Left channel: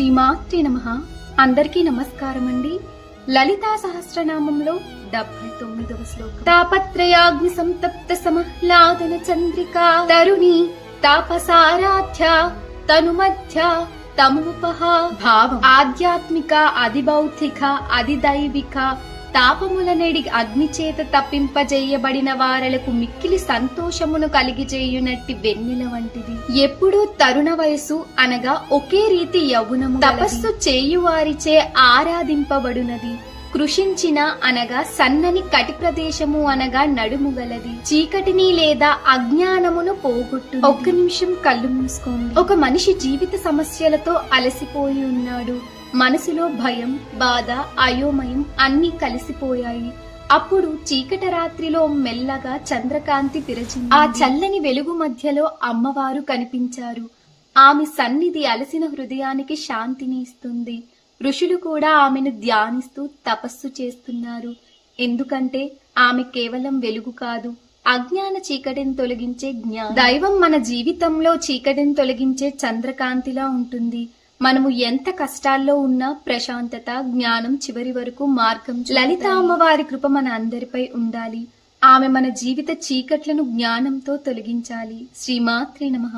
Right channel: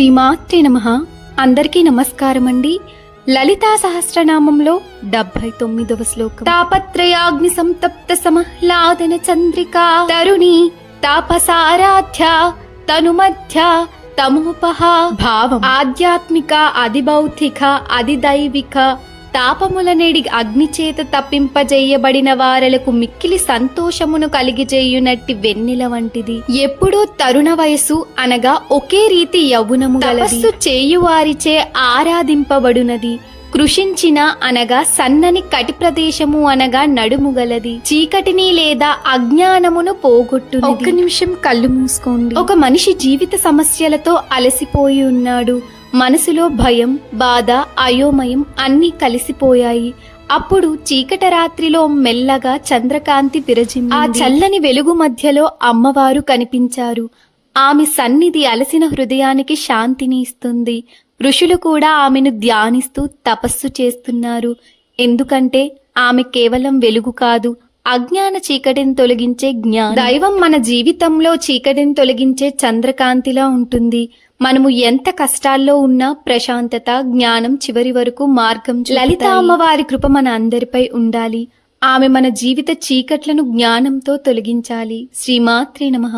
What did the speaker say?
శ్రీమాత్రే నమః. అందరికీ నమస్కారం అండి. లలితా సహస్రనామంలో 79వ శ్లోకం. తాపత్రయాగ్ని సంతప్త సమహ్లాదన చంద్రికా తరుణి తాపసారాధ్య తనుమధ్య తమోపహ. భావం: ఆధ్యాత్మిక, అధిభౌతిక, అధిదైవిక తాపములనేడి అగ్నిచేత తప్పింపజేయబడిన వారలకు మిక్కిలి సంతోషమును కలిగిజేయునట్టి వెన్నెల వంటిది. ఎప్పుడూ తరుణ వయసు అనగా ఒకే రీతి యౌవనము తపస్సు చేయువారిచే ఆరాధింపబడునది. కృషించిన అనగా సన్నని కటి ప్రదేశము అనగా నడుము గలది. చీకటిని లేదా అజ్ఞానమును పోగొట్టు. ఒక్క నిమిషం కళ్ళు మూసుకోండి. ఒక మనిషి జీవిత సమస్యలతో అలసిపోయి ఉన్నాడు. మనసులో భయం, బాధ, అయోమయం అన్నీ కలిసిపోయాయి. అప్పుడు చీకట రాత్రిలో మెల్లగా చంద్రకాంతి విరజిమ్మింది. ఆ చల్లని వెలుగు మధ్యలో అమ్మవారు కనిపించారు. ఆమె సన్నిధి అలసిన హృదయానికి శాంతిని ఇస్తుంది. ఋషులు కూడా ఆమెను ధ్యానిస్తూ తపస్సు చేస్తున్నారు. ఎందుకంటే ఆమె కేవలం వెలుగు కాదు, అజ్ఞాన చీకటిని తొలగించే జ్ఞానం. దైవం మన జీవితంలో చీకటిని తొలగించే చంద్రకాంతిలా ఉంటుంది. మనము ఎంత కష్టాల్లో ఉన్నా ప్రశాంతత, జ్ఞానం చివరి వరకు మార్గం చూపుతాయి. లలిత అమ్మవారి కృప మన అందరిపై ఉండాలి. ఆమె మన జీవిత చీకట్లను జ్ఞానంతో తొలగించాలి. శ్రీమాత్రే నమః.